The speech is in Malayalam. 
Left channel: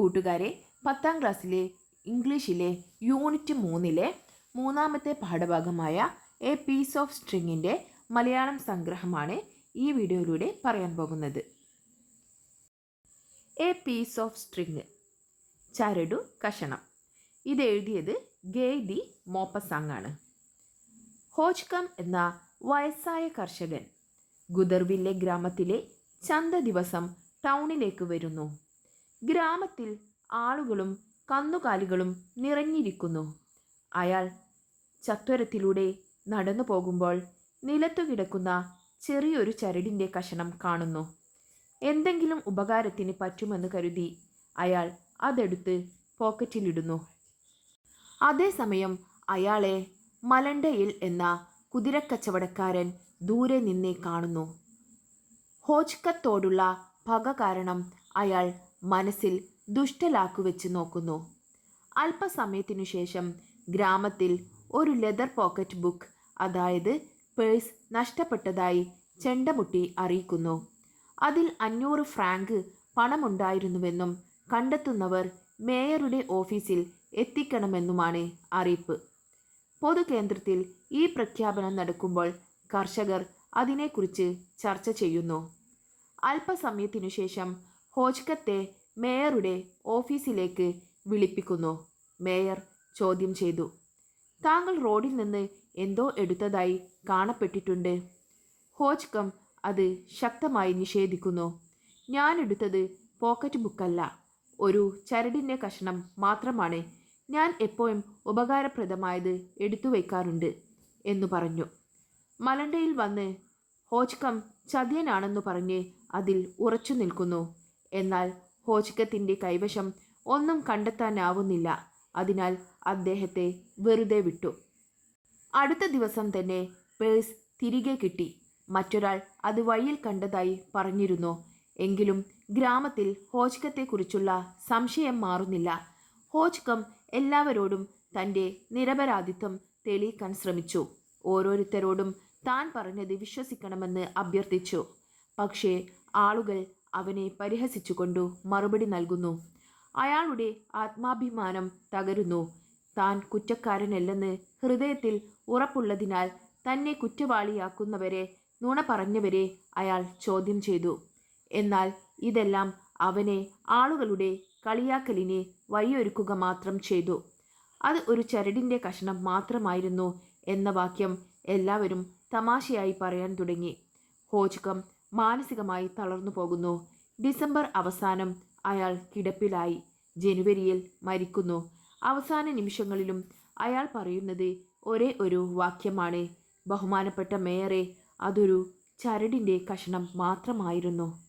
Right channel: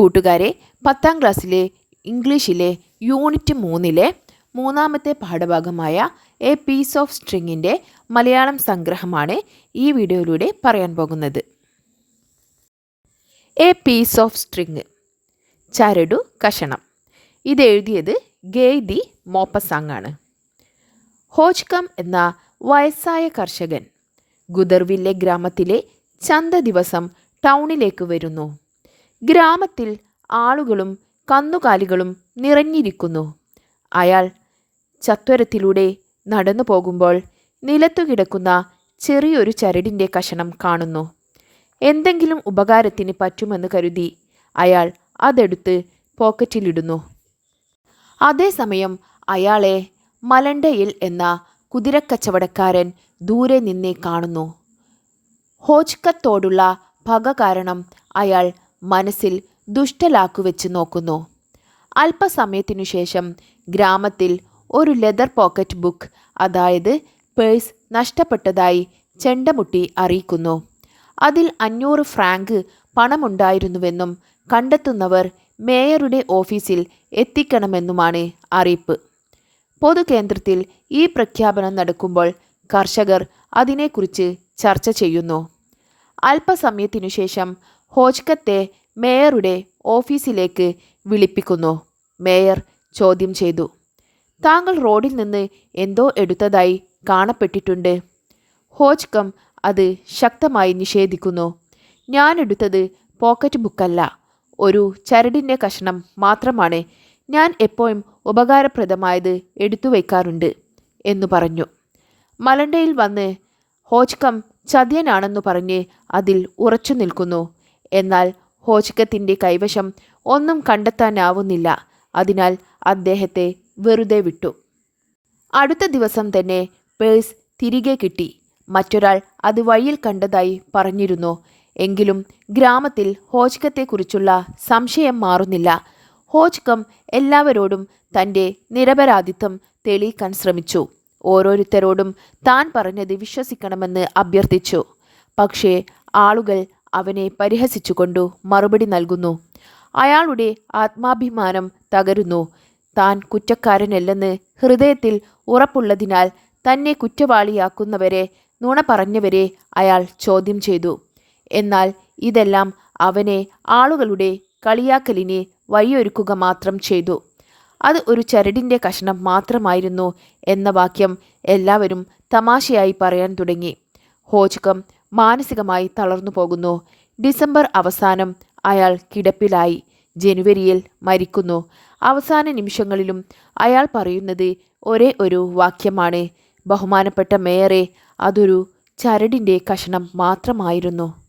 കൂട്ടുകാരെ പത്താം ക്ലാസ്സിലെ ഇംഗ്ലീഷിലെ യൂണിറ്റ് മൂന്നിലെ മൂന്നാമത്തെ പാഠഭാഗമായ എ പീസ് ഓഫ് സ്ട്രിങ്ങിന്റെ മലയാളം സംഗ്രഹമാണ് ഈ വീഡിയോയിലൂടെ പറയാൻ പോകുന്നത്. എ പീസ് ഓഫ് സ്ട്രിങ് ചരടു കഷണം. ഇത് എഴുതിയത് ഗെയ്ദി മോപ്പസാങ് ആണ് ഹോജ്കം എന്ന വയസ്സായ കർഷകൻ ഗുദർവില്ലെ ഗ്രാമത്തിലെ ചന്ത ദിവസം ടൗണിലേക്ക് വരുന്നു. ഗ്രാമത്തിൽ ആളുകളും കന്നുകാലികളും നിറഞ്ഞിരിക്കുന്നു. അയാൾ ചത്വരത്തിലൂടെ നടന്നു പോകുമ്പോൾ നിലത്തു കിടക്കുന്ന ചെറിയൊരു ചരടിന്റെ കഷണം കാണുന്നു. എന്തെങ്കിലും ഉപകാരത്തിന് പറ്റുമെന്ന് കരുതി അയാൾ അതെടുത്ത് പോക്കറ്റിലിടുന്നു. അതേസമയം അയാളെ മലണ്ടയിൽ എന്ന കുതിരക്കച്ചവടക്കാരൻ ദൂരെ നിന്നേ കാണുന്നു. ഹോജ്കത്തോടുള്ള പക കാരണം അയാൾ മനസ്സിൽ ദുഷ്ടലാക്കുവെച്ച് നോക്കുന്നു. അല്പസമയത്തിനു ശേഷം ഗ്രാമത്തിൽ ഒരു ലെതർ പോക്കറ്റ് ബുക്ക് അതായത് പേഴ്സ് നഷ്ടപ്പെട്ടതായി ചെണ്ടമുട്ടി അറിയിക്കുന്നു. അതിൽ അഞ്ഞൂറ് ഫ്രാങ്ക് പണമുണ്ടായിരുന്നുവെന്നും കണ്ടെത്തുന്നവർ മേയറുടെ ഓഫീസിൽ എത്തിക്കണമെന്നുമാണ് അറിയിപ്പ്. പൊതുകേന്ദ്രത്തിൽ ഈ പ്രഖ്യാപനം നടക്കുമ്പോൾ കർഷകർ അതിനെക്കുറിച്ച് ചർച്ച ചെയ്യുന്നു. അല്പസമയത്തിനു ശേഷം ഹോജ്കത്തെ മേയറുടെ ഓഫീസിലേക്ക് വിളിപ്പിക്കുന്നു. മേയർ ചോദ്യം ചെയ്തു. താങ്കൾ റോഡിൽ നിന്ന് എന്തോ എടുത്തതായി കാണപ്പെട്ടിട്ടുണ്ട്. ഹോജ്കം അത് ശക്തമായി നിഷേധിക്കുന്നു. ഞാൻ എടുത്തത് പോക്കറ്റ് ബുക്കല്ല. ഒരു ചരടിന്റെ കഷണം മാത്രമാണ്. ഞാൻ എപ്പോഴും ഉപകാരപ്രദമായത് എടുത്തു വയ്ക്കാറുണ്ട് എന്നു പറഞ്ഞു. മലണ്ടയിൽ വന്ന് ഹോജ്കം ചതിയനാണെന്നു പറഞ്ഞ് അതിൽ ഉറച്ചു നിൽക്കുന്നു. എന്നാൽ ഹോജ്കത്തിന്റെ കൈവശം ഒന്നും കണ്ടെത്താനാവുന്നില്ല. അതിനാൽ അദ്ദേഹത്തെ വെറുതെ വിട്ടു. അടുത്ത ദിവസം തന്നെ പേഴ്സ് തിരികെ കിട്ടി. മറ്റൊരാൾ അത് വഴിയിൽ കണ്ടതായി പറഞ്ഞിരുന്നു. എങ്കിലും ഗ്രാമത്തിൽ ഹോജ്കത്തെക്കുറിച്ചുള്ള സംശയം മാറുന്നില്ല. ഹോജ്കം എല്ലാവരോടും തന്റെ നിരപരാധിത്വം തെളിയിക്കാൻ ശ്രമിച്ചു. ഓരോരുത്തരോടും താൻ പറഞ്ഞത് വിശ്വസിക്കണമെന്ന് അഭ്യർത്ഥിച്ചു. പക്ഷേ ആളുകൾ അവനെ പരിഹസിച്ചുകൊണ്ടു മറുപടി നൽകുന്നു. അയാളുടെ ആത്മാഭിമാനം തകരുന്നു. താൻ കുറ്റക്കാരനല്ലെന്ന് ഹൃദയത്തിൽ ഉറപ്പുള്ളതിനാൽ തന്നെ കുറ്റവാളിയാക്കുന്നവരെ നുണ പറഞ്ഞവരെ അയാൾ ചോദ്യം ചെയ്തു. എന്നാൽ ഇതെല്ലാം അവനെ ആളുകളുടെ കളിയാക്കലിനെ വഴിയൊരുക്കുക മാത്രം ചെയ്തു. അത് ഒരു ചരടിന്റെ കഷ്ണം മാത്രമായിരുന്നു എന്ന വാക്യം എല്ലാവരും തമാശയായി പറയാൻ തുടങ്ങി. ഹോജ്കം മാനസികമായി തളർന്നു പോകുന്നു. ഡിസംബർ അവസാനം അയാൾ കിടപ്പിലായി. ജനുവരിയിൽ മരിക്കുന്നു. അവസാന നിമിഷങ്ങളിലും അയാൾ പറയുന്നത് ഒരേ ഒരു വാക്യമാണ്. ബഹുമാനപ്പെട്ട മേയറെ അതൊരു ചരടിന്റെ കഷണം മാത്രമായിരുന്നു.